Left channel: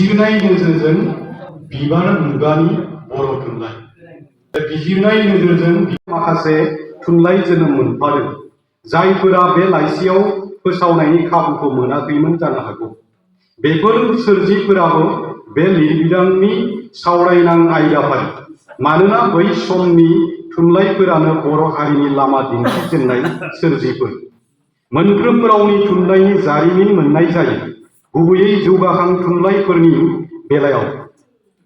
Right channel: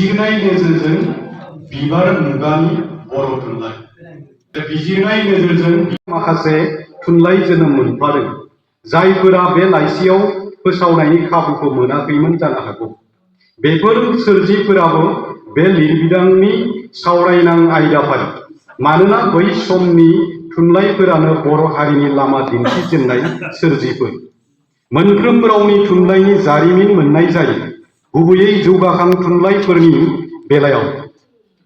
बिजिरनाय नोजोरजों बिबार मुगानि बर' थुनलाइ बिजिरनाय नोजोरजों माखासे थुनलाइ जोनोम मोनफादों जायफोरा बे लाइसियाव फोसावनायनि खाबुखौ मोनाखैमोन जानो हागौ। बेफोर सोरजिफोराबो बे लिरबिदांनि सावरायनां आयदाफारि, मानोना बै समनि थुनलाइफोरानो बर' हारिनि लामा दिन्थिजेननाय सोरजिफोर। मोनफ्रोम रावनि थुनलाइनि जारिमिन मोननाय जायो, गुबैयै जौगाखां थुनलाइफोरनि बेलायाव।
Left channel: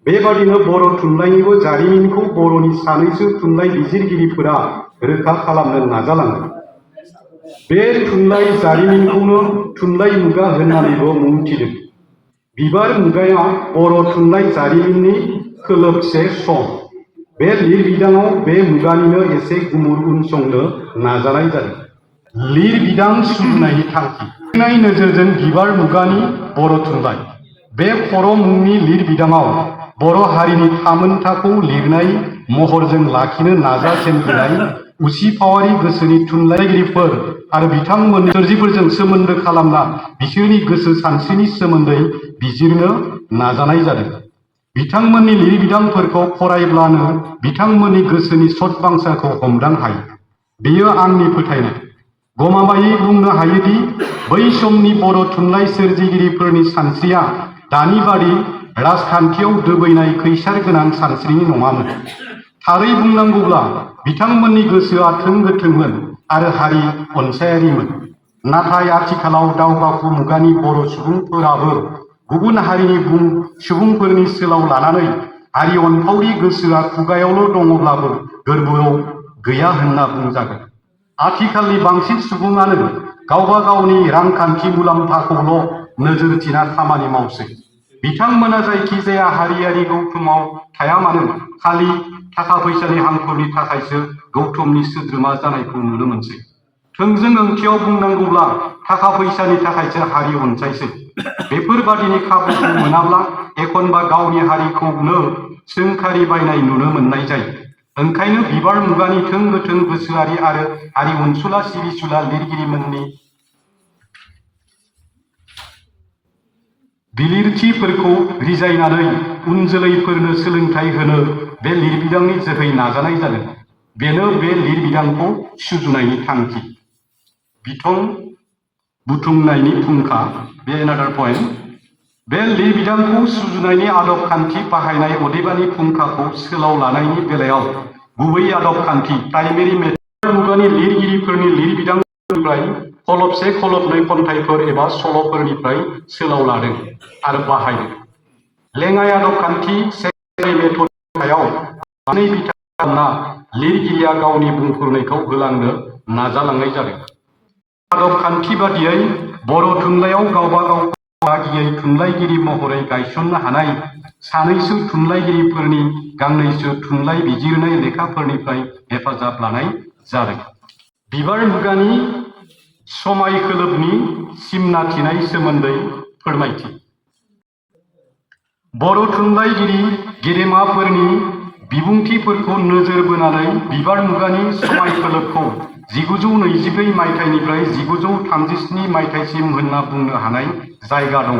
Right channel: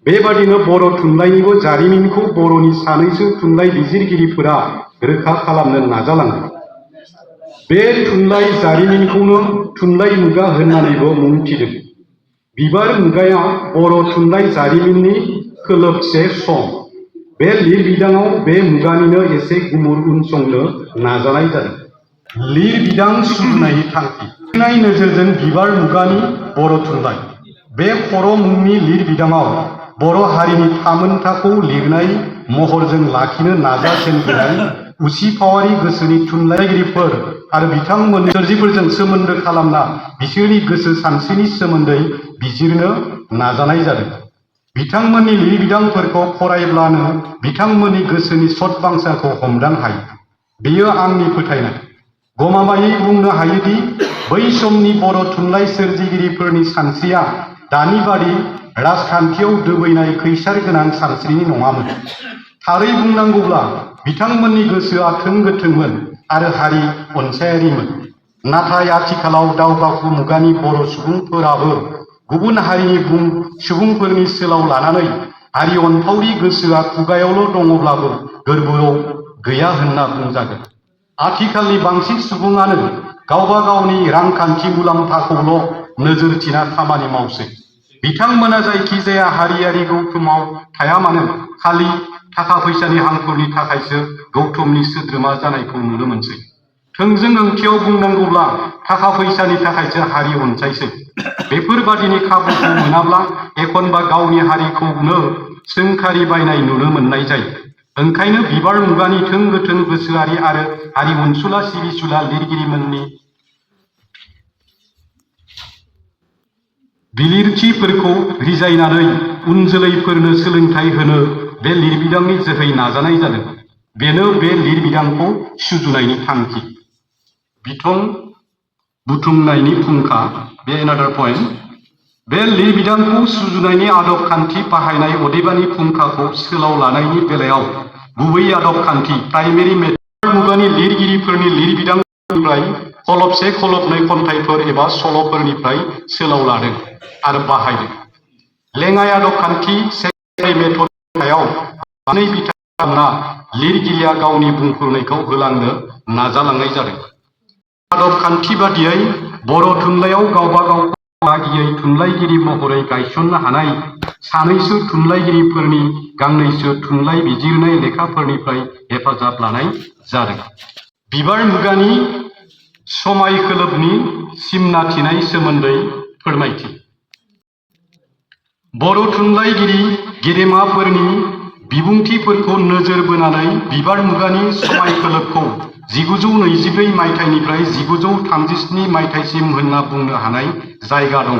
बेबादिनो बर' थुनलाइनिबो जारिमिनखौ बर'नि सानैसो थुनलाइ बिजिरगिरिफोरा रोखा खालामनो नाजालांदों। बे थुनलाइ जारिमिनखौनो थुनलाइ मुगा होननानैबो मुं थिदों। बिबार मुगाया बर' थुनलाइ जारिमिननि खोलोबसे सम। बे लिरबिदांआव बे मुगानिनो एसे गुमुर उनसंनो नाजानाय जादों। लिरबिदां सुजुनायनि थांखि। लिरनाय नोजोरजों बिबार मुगानि बर' थुनलाइ। बे खर' मुंनि लिरबिदांआव बर' हारिनि थामोनथाखौ लिरनाय महरजों लाखिनो नाजाजेनबोनाय उसिफावारि गोसोनि थुनलाइगिरिफोर आरो बिथांमोननि सोरजिफोरजों सोमोन्दो खालामना बिसोरनि गोसो सानस्रिनि सोमोन्दै बिजिरनो नाजानाय जादों। बिथांमोननि लिरबिदांफोरखौ फरायब्लानो बिथांमोननि गोसोनि सत-बांसाखौ हमदां हायो। बेयो आंनि फोथायनाय। गमामायै बुंनो हायोदि बै समनि बर' थुनलाइ सोरजिगिरिफोरनि सानस्रिया दानि बादि राजखान्थियाव दोबैनाय खैसार गोनां सानस्रिनि नङामोन। थारै बुंनांगौब्ला बिथांमोननि गोसोआ थों-गोथोंमोन आरो हारि अनसायारिमोन। नाथाय आथिखालाव दावगाफु मुगानि बर' सुबुंफोराबो गुबुन हारिनि सुबुंफोरनि सोलाव लानानै हारि अनफावरि गोसोआ खुगायावल' दङब्लाबो गोरबोआव गैया होनना बुंजागोन। आथिखालनि बांसिन सुबुङानो गावबा गावनि रांखान्थि मुलाम्फाखौल' नोजोर थिना खामानि मावसै। बिथांमोना जायखिजाया हारियारि गौथुमाव थाया मानो खालि थाखा फैसानि हांखुरनि थाखायसो गौथुमनि सोद्रोमा जानायखौ नुनो मोनसै। थोंजों ओंथियाव बुंनांगौब्ला थाखा फैसानि थाखायसो हारि अनसायसै। बेफोरबादिनि खाबुखौ मोनाब्ला एखनबा गावनि हारिखौनो सोंखारि बायनाय नुनो मोननाय जायो। ओंखायनो बिबार मुगानि थों-गोथों गोसोआरि आरो हारि अनसुला सिबिसुला लिरगिरिमोननि बिलिरथिफोरखौ रिजायनानै उन जोलैफोरनो सोलोंथाइ होनो बे लिरबिदांनि जोहै नाजानाय जादों। बेनो बे लिरबिदांखौ सुजुनायनि थांखि। बिथं बुथुमनायनि फुंखा। बे एनादार पइन्ट। बे लिरबिदांखौ सुजुनायनि आदब खान्थि बाहायनाय अदेबानि फुंखाखौ सोलाव लानायनि बेलायाव गुबै आदब खान्थि प्राइमेरि मेथड मुगानि लिरगिरिफोरनि लिरबिदांनिफ्राय खलबसे खलबनै खन्थाइफोर एबा सल'फोरनिफ्राय सोलाव लादों आरो बाहायदों। लेङाइ आदब खान्थि सेकेन्डारि मेथडनि सायाव बांसिनै बिथा खालामना लिरगिरिया गावनि बुंफोरनायखौ होलांनो नाजालांनाय जादों। आदब खान्थि बादियै बर' थुनलाइयाव गावबा गावखौ बाहागियै थुनलाइगिरि महरै गायसननो हानाय सानैसो थुनलाइगिरिफोरनि गांनैसो थुनलाइ बिजिरनाय लेखाफोरनिफ्राय हेफाजाब लानाय जादों। बिबार मुगानि समायखोलोबनि सिमना थिनाय सोमोन्दै फोरमायथि। बर' थुनलाइगिरि गेदेमाफोरनि बिबुंथिफोरखौ नोजोर बोनानै बिबार मुगानि समायखोलोबखौ 1924 मायथाइनिफ्राय 1937 मायथाइसिम होनना बुंनो हानाय जायगा दङ।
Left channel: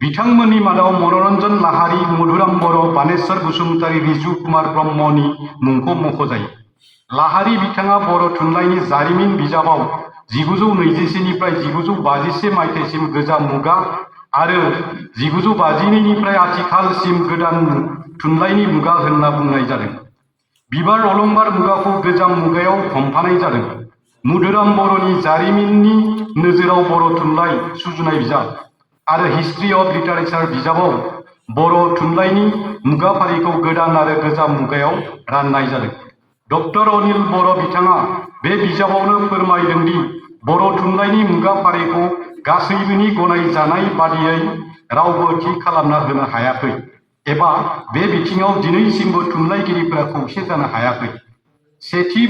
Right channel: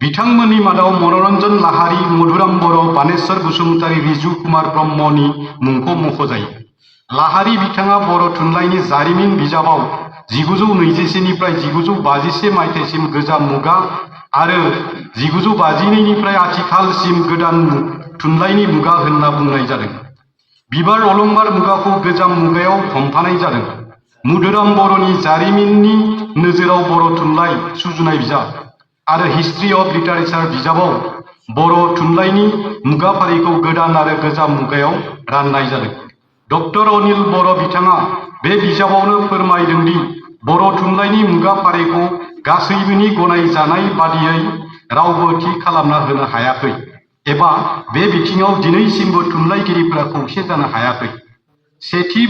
बिथांमोननि मादाव मनरन्जन लाहारी, मधुराम बर', बानेश्वर बसुमतारी, रिजु कुमार ब्रह्मनि मुंखौ मख'जायो। लाहारी बिथाङा बर' थुनलाइनि जारिमिन बिजाबाव 1921 निफ्राय 1951 मायथाइसिम गोजाम मुगा आरो 1952 आथिखालसिम गोदान थुनलाइनि मुगा होनना बुंनाय जादों। बिबार अलंबार मुगाखौ गोजाम मुगायाव हमफानाय जादों। मधुराम बर'नि जारिमिननि नोजोराव बर' थुनलाइ सुजुनाय बिजाब आरो हिस्ट्रि अफ लिटारेचार बिजाबाव बर' थुनलाइनि मुगाफारिखौ गोदान आरो गोजाम मुगायाव राननाय जादों। डक्टर अनिल बर' बिथाङा बे बिजाबावनो फोरमायदों दि बर' थुनलाइनि मुगाफारिखौ गासैबोनि गनायजानाय बादियै रावबो थि खालामना होनो हायाखै एबा बे बिथिङाव दिनैसिमबो थुनलाइगिरिफोरा खौसे जानो हायाखै। सेथि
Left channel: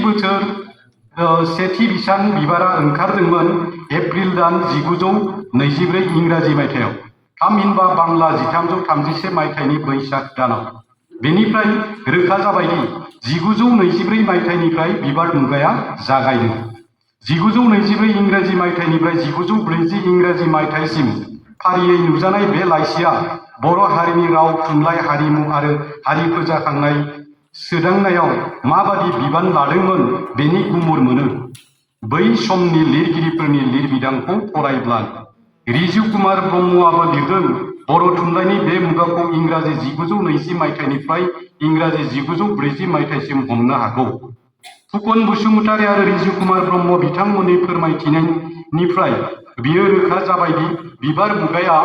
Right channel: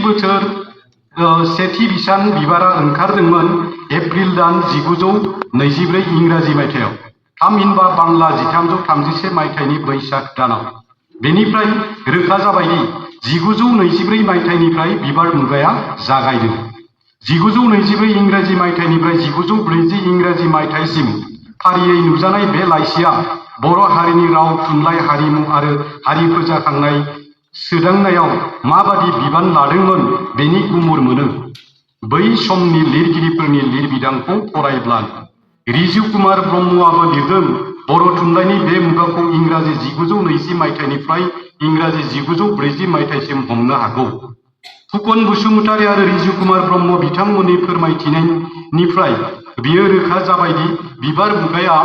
बिसान बिबारा ओंखारदोंमोन एप्रिल दान 1924 इंराजि मायथाइयाव, थामहिनबा बांला 1331 मायथाइनि बैसाग दानाव। बेनिफ्राय रोखा जाबायदि 1924 मायथाइनिफ्राय बिबार मुगाया जागायदों। 1924 इंराजि मायथाइनिफ्राय 1940 इंराजि मायथाइसिम फारियै नुजानाय बे लाइसिया बर' हारिनि राव थुनलाइ हारिमु आरो हारि फोजाखांनाय सोदांनायाव माबादि बिबान लादोंमोन बेनि गुमुर मोनो। बै समनि लिरगिरिफोरनि लिरबिदांखौ फरायब्ला रिजु कुमार ब्रह्मआबो लिरदों बर' थुनलाइनि बे मुगाखौ इंराजि 1920 मायथाइनिफ्राय इंराजि 1940 मायथाइसिम हमनो हागौ। फुकन बसुमतारी आरो रिजु कुमार ब्रह्म बिथांमोननि फोरमायथिनायनिफ्राय बियो रोखा जाबायदि बिबार मुगाया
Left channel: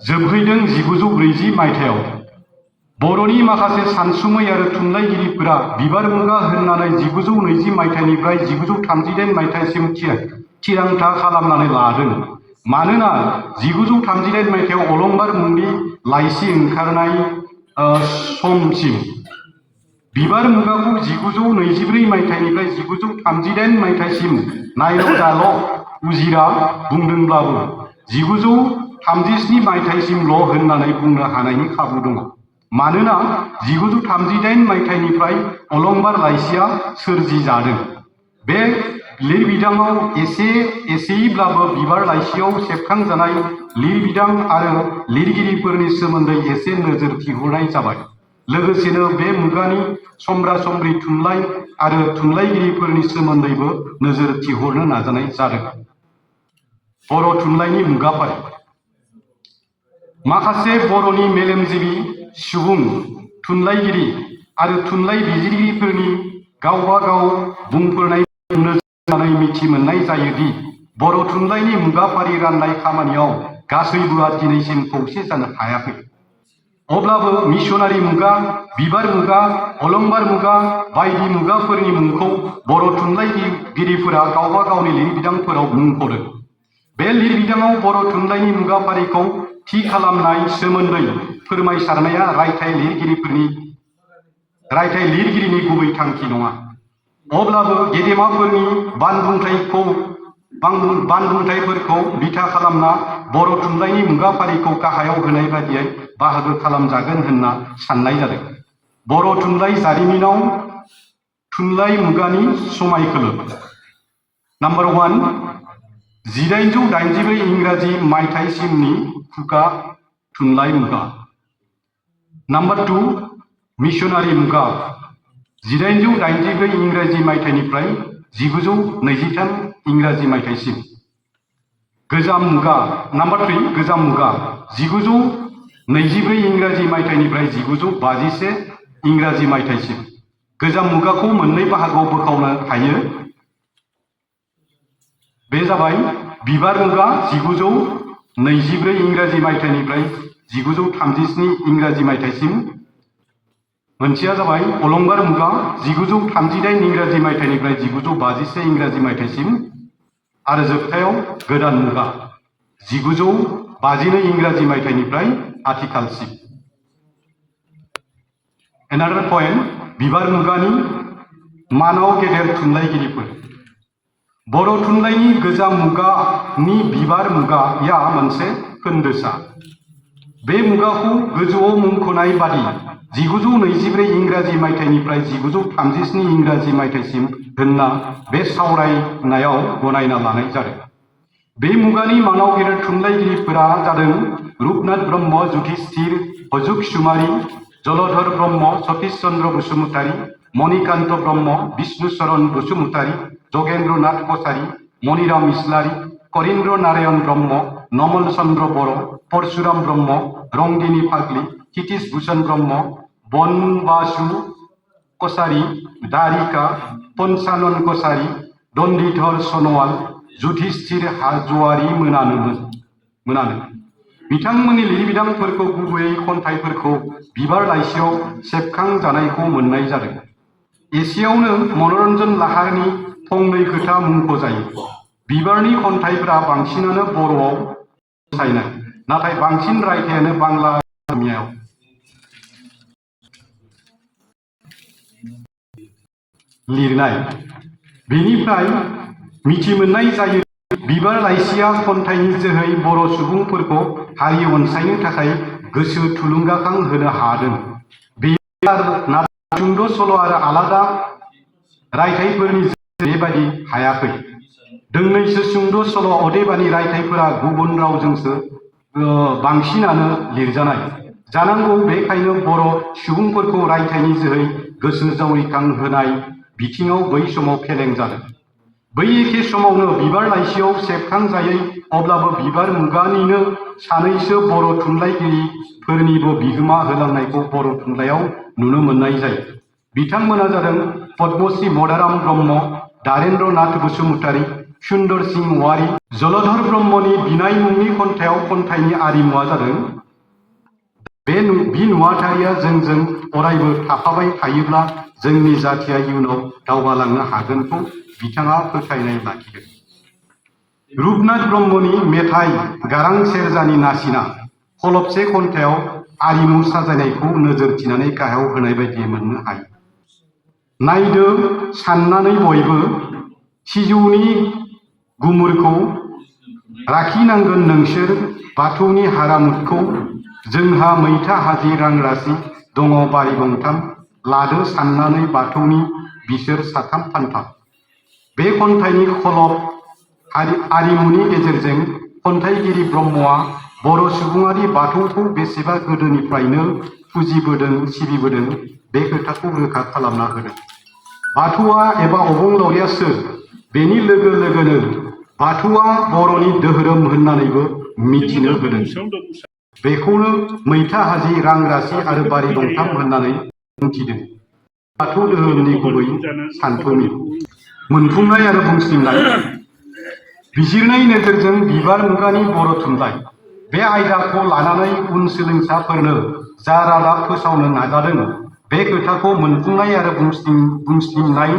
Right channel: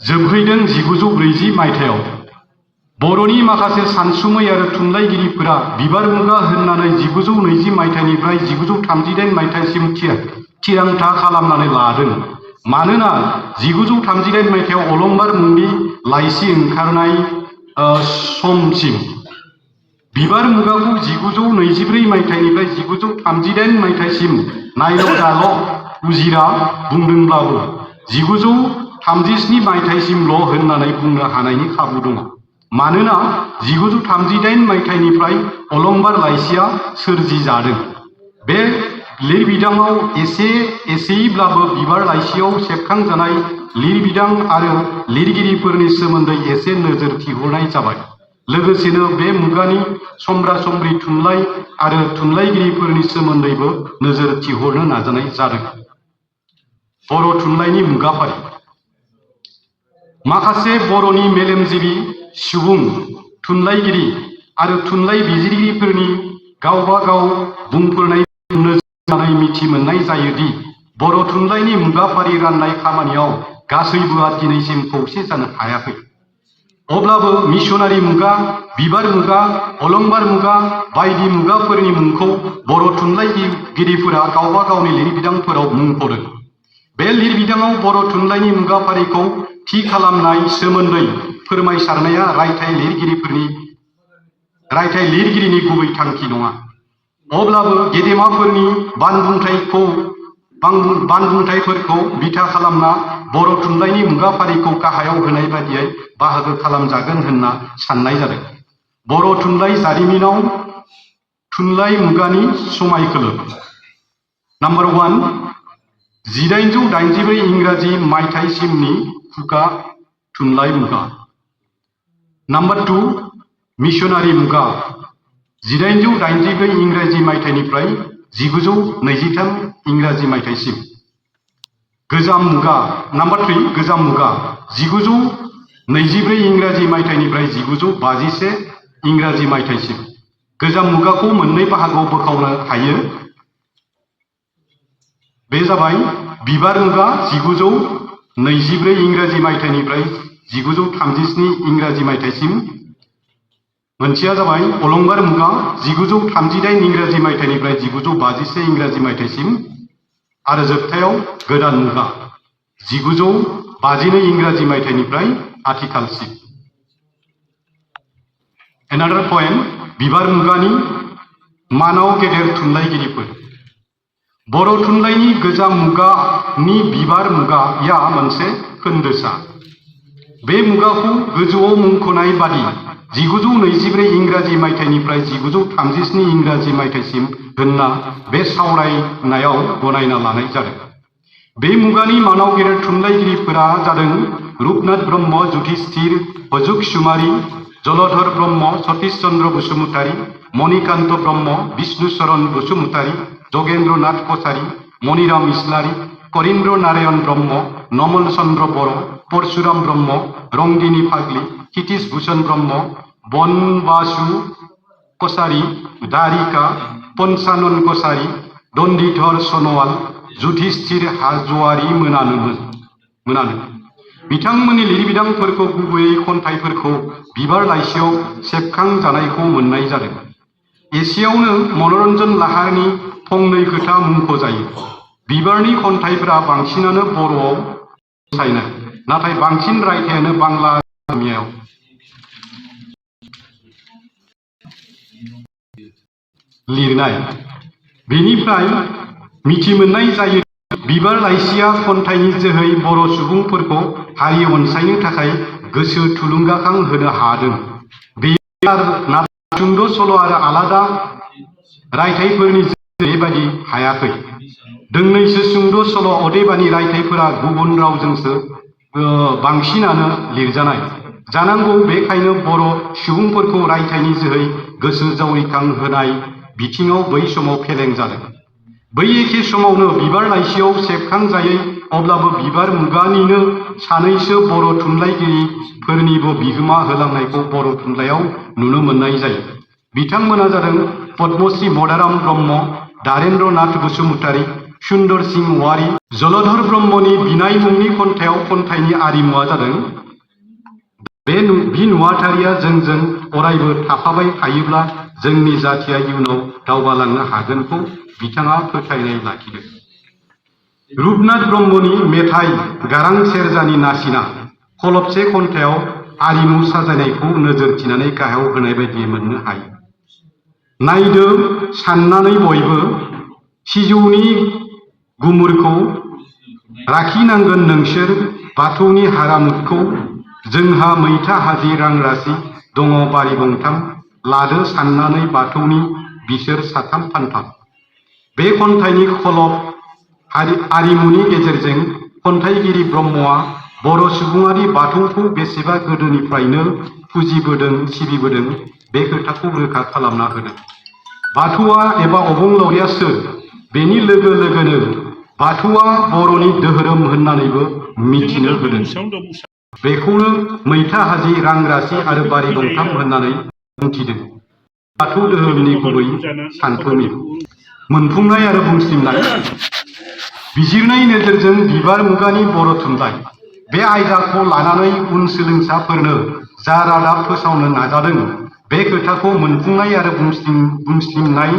जोबहैदों 1940 मायथाइयाव। बर'नि माखासे सानसुमै आरो थुनलाइगिरिफोरा बिबार मुगा होननानै 1920 मायथाइनिफ्राय 1938 मायथाइसिम थिरांथा खालामनानै लादों। मानोना 1938 मायथाइयाव अलंबार मुंनि लाइसि ओंखारनाय समसिम बिबार मुगाखौ 1924 मायथाइनिफ्राय 1938 मायथाइसिम नायल' जाल' उजिरा बुंदोंब्लाबो 1937 मायथाइसिमल' होननानै बुंनो हानायनि खाबु दङ। मानोना 1938 मायथाइनिफ्राय अलंबार लाइसिया सोरजिजादों। बे लिरबिदाङाव एसेयैब्लाबो बिबार लाइसियाव सेबखांजानाय लिरबिदां आरो लिरगिरिफोरनि सोमोन्दै एसे नोजोर थिहरनाय जाबाय। लोगोसेनो बे मुगानि समब्रा समब्रि थुनलाइ आरो थुनलाइगिरिफोरनि सोमोन्दैबो नोजोर थिहरनो नाजानाय जादों। बर' थुनलाइनि मुगाफारि। माखासे बर'नि मेलेमजिबि सुबुं थुनलाइगिरि आरो थुनलाइ बिजिरगिरिफोरनि गावबा गाव बुंफोरनायखौ नोजोर होनानै मिथि मोननाय जायोदि बर' थुनलाइनि मुगाफारि राननाय खामानियाव गासैबोआ दिनैसिम खौसे जानो हायाखै। अब्लाबो मिशनारि मुगा, बिबार मुगा, अलंबार मुगा बायदि मुगाफोरनि मुंखौ बर' थुनलाइगिरिफोरा गावबा गावनि लिरबिदांफोराव मुंख'दों। बे लिरबिदाङाव बर' थुनलाइनि मुगाफारिखौ थि खालामनाय सोमोन्दै फोरमायसारनाया रायथाइ लिरगिरिनि गुबै थांखि नङा। अब्लाबो गेदेमाफोरनि बानबुंथाइफोरखौ बिथा खालामना बर' थुनलाइनि मुगाफारिखौ गाहायाव होनाय बादियै बाहागो खालामजागोन होनना साननाय जादों। बर' थुनलाइ जारिमिनाव थुनलाइ मुगानि समायखोलो। नम्बर 1 1884 इंराजि मायथाइसिमनि खुगा थुनलाइ मुगा। नम्बर 2 मिशनारि मुगा 1884 इंराजि मायथाइनिफ्राय 1923 इंराजि मायथाइसिम। गोजाम मुगा। नम्बर 3 गोजाम मुगा 1924 इंराजि मायथाइनिफ्राय 1951 इंराजि मायथाइसिम। गोजाम मुगाखौ मोननै बाहागोआव बोखावनो हायो। बे जाबाय बिबार मुगा 1924 इंराजि मायथाइनिफ्राय 1937 इंराजि मायथाइसिम। मोनसेया जाबाय अलंबार मुगा 1938 इंराजि मायथाइनिफ्राय 1951 इंराजि मायथाइसिम। आरो जोबथायाव गोदान मुगा 1952 इंराजि मायथाइनिफ्राय आथिखालसिम। Another point, बिबार मुगानि मानाव गेदेर थुनलाइगिरिफोर। बर' थुनलाइनि गोजाम मुगानि बिबार मुगाया मोनसे खोन्दोसा। बे मुगाखौ गोजौआव मुंख'नाय बादि 1924 इंराजि मायथाइनिफ्राय 1937 इंराजि मायथाइसिम होनना बे सावरायनायाव गनायना लानाय जादों। बे मुगानि मानाव गेदेर थुनलाइगिरिफोरा जादों रुपनाथ ब्रह्म, जुधिष्ठिर हजुकसुमारी, जलधर ब्रह्म, सतीश चन्द्र बसुमतारी, मणिकान्त ब्रह्म, विष्णुचरण बसुमतारी, जगेन्द्र नाथ कछारी, मणिराम इस्लारी, करीन्द्र नारायण ब्रह्म, नमल चन्द्र बर', परशुराम ब्रह्म, रंगिनी फाग्ली, क्षितिज भूषण ब्रह्म, बनबासु कछारी, दारिका पन्चानन कछारी, दन्डीधर सनवाल, जुधिष्ठिर हाज'वारी मोनानो। बिथांमोननि लिरबिदांफोरखौ गुबैयै खन्थाइफोरखौ बिबार लाइसियाव सेबखांजानायखौ मोननाय जादों। एसेयावनो मनरन्जन लाहारीनि फंनै खोथा मुंख'जायो। बिबारनि खन्थाइफोरा बांसिनानो बर'आव रनसायनाय, नाथाय बांसिन रायथाइयानो बांला असमियायाव लिरनाय। बेनिफ्राय मिथि मोननाय जायो बिबार लाइसिया खन्थाइनि जोहै बर' सुबुंफोरखौ हारि अनसायनो थाखाय गोसो थुलुंगाखां होनो हादों। नाथाय सुंद' सल' आरो आलादा रायथाइफोरनि बेबादि हायाखै। दोंनैसो सुंद' सल' अदेबानि रायथाइफोरा गुबुन रावजोंसो बांसिनानो लिरजानाय जानांगौ। बेखायनो बर' सुबुंफोरखौ रायथाइनि जोहै गोसो जावरिखांहोनाय बिथिङाव बै समाव फेलें जादों। बै एखे समावनो बिबार लाइसियाव सेबखांजायै अब्लाबो बिबार मुगानिनो सानैसो बर' थुनलाइगिरिफोरनिबो बिहोमा होलांनायखौ बर' थुनलाइयाव नुनो मोननाय जायो। बिथांमोना जादों पद्मश्री मदाराम ब्रह्म, दारेन्द्र नाथ बसुमतारी, सुन्दर सिंह औवारी। जलधर ब्रह्मनि बिनाय मुंनि खन्थाइयाव खन्थाइनि आरिमुआ जादों बे नुवाथारिया जोंजों अरायबो थाफाबाय थायोब्ला जोंनि जाथिया इयुनाव दावगालांनो हागोनखौ बिथाङा फोथायनाय लाखिदों। रुपनाथ ब्रह्मनि मेथाइ गारां सेरजानि नासिना खलबसे खन्थाइयाव आरिमु साजायनायखौ नोजोर थिनानै गाहायाव होनाय बायदि मोननो हायो। नायदो साननानै बयबो सिजौनि गुमुरखौ राखिनांगोन नोंसोर बाथौनि हारामुदखौ जोंहा मैथा हाजि रां रासि दङ बारि गंथाम लादो साननानै बाथौनि बिसोर साथाम फानथाम। बे खन्थाइनि खलब आरिमुनि गेजेरजों खन्थाइगिरि ब्रह्मआ बर' सुबुङारि बाथौखौ बेसेबा गोदोनिफ्रायनो फुजिबोदों सिबिबोदों बे खोथाखौ रोखा खालामना होदों। बाथौआ एबा अबंलावरिया सोर? बेनि लोगो लोगोनो बाथौआ बर'नि धोरोम होननानैबो मिथिनो होदों। बेखौनो मैथा हाजि रां रासि आरो बारि गंथाम होननानै बुंथिदों। बाथौ धोरोमनि गुबै सानथौनि मोनफुंनाय आरो बुंस्लिंनाय बिजिरनाय नोजोरजों बिबार मुगानि बर' थुनलाइ बे आयदाखौ लानानै उन सोलोंसाफोरनो जा रादाब फोसावनो नाजादों बे खोथाखौ मोनफुंनाय आरो बुंस्लिंनाय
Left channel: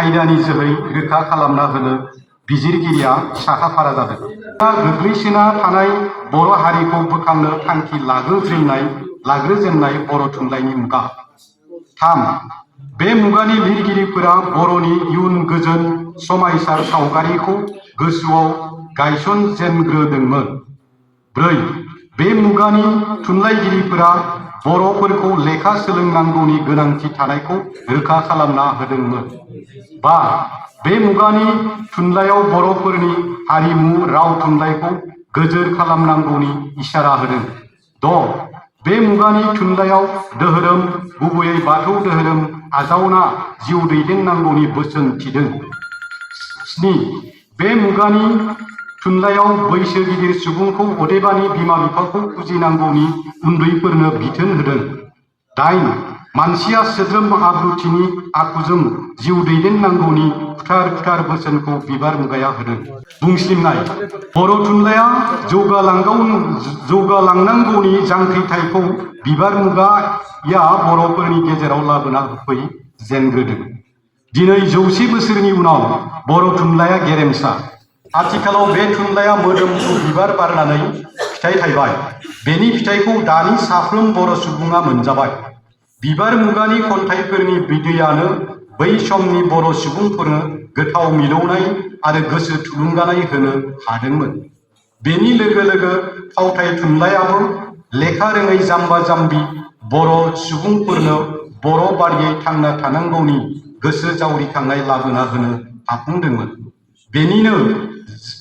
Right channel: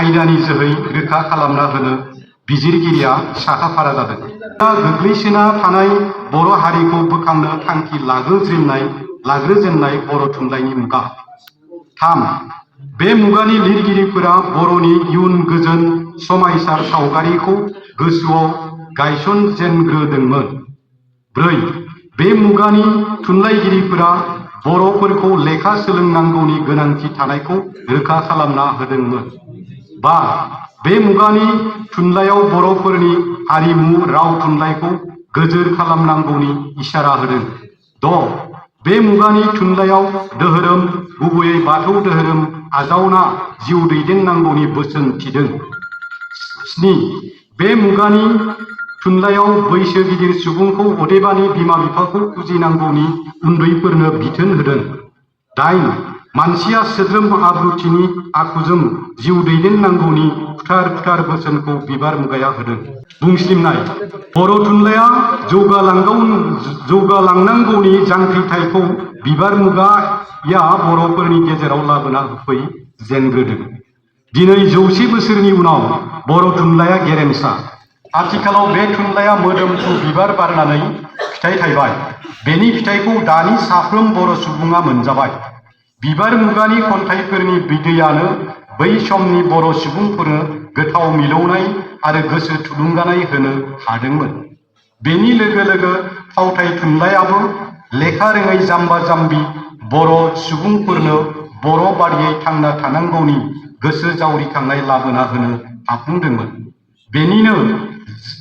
आयदानि जोहै रोखा खालामना होनो बिजिरगिरिया साखाफारा जादों। गोग्लैसोना थानाय बर' हारिखौ बोखांनो थांखि लाग्रोजेननाय बर' थुनलाइनि मुगा। 3. बे मुगानि लिरगिरिफोरा बर'नि इयुन गोजोन समायसार सावगारिखौ गोसोआव गायसनजेनग्रोदोंमोन। 4. बे मुगानि थुनलाइगिरिफोरा बर'फोरखौ लेखा सोलोंनांगौनि गोनांथि थानायखौ रोखा खालामना होदोंमोन। 5. बे मुगानि थुनलाइयाव बर'फोरनि हारिमु राव थुनलाइखौ गोजोर खालामनांगौनि इसारा होदों। 6. बे मुगानि थुनलाइयाव धोरोम गुबैयै बाथौ धोरोम आजावना जिउ दैदेननांगौनि बोसोन थिदों। 7. बे मुगानि थुनलाइयाव बैसो गिदिर सुबुंखौ अदेबानि बिमा बिफाखौ फुजिनांगौनि उन्दैफोरनो बिथोन होदों। 8. मानसिया सोद्रोम आब्रुथिनि आखुजों जिउ दैदेननांगौनि फुथार बोसोनखौ बिबार मुगाया होदों। बुंस्लिंनाय बर' थुनलाइया जौगालांनांगौनि जांख्रिथायखौ बिबार मुगाया बर'फोरनि गेजेराव लाबोना होफैजेनग्रोदों। दिनै 100 बोसोरनि उनाव बर' थुनलाइया गेरेमसा। आथिखालाव बे थुनलाइया मोदोमफ्रु बिबार बारनानै फिथाइ थायबाय। बेनि फिथाइखौ दानि साफ्रोम बर' सुबुङा मोनजाबाय। बिबार मुगानि खन्थाइफोरनि बिदैयानो बै समनि बर' सुबुंफोरनो गोथाव मिलौनाय आरो गोसो थुलुंगानाय होनो हादोंमोन। बेनि लोगो लोगो फावथाय थुनलाइयाबो लेखा रोङै जाम्बा जाम्बि बर' सुबुंफोरनो बर' बादियै थांना थानांगौनि गोसो जावरिखांनाय लाबोना होनो हाफुंदोंमोन। बेनिनो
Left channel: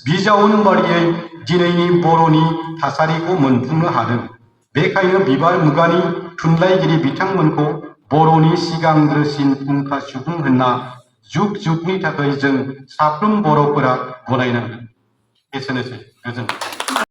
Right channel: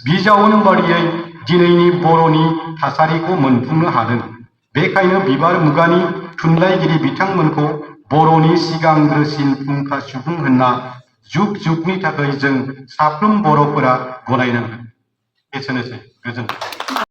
बिजाउन बादियै दिनैनि बर'नि थासारिखौ मोनफुंनो हादों। बेखायनो बिबार मुगानि थुनलाइगिरि बिथांमोनखौ बर'नि सिगांग्रोसिन फुंखा सुबुं होनना जुग जुगनि थाखाय जों साफ्रोम बर'फोरा गनायनांगोन। एसेनोसै। गोजोन्थों।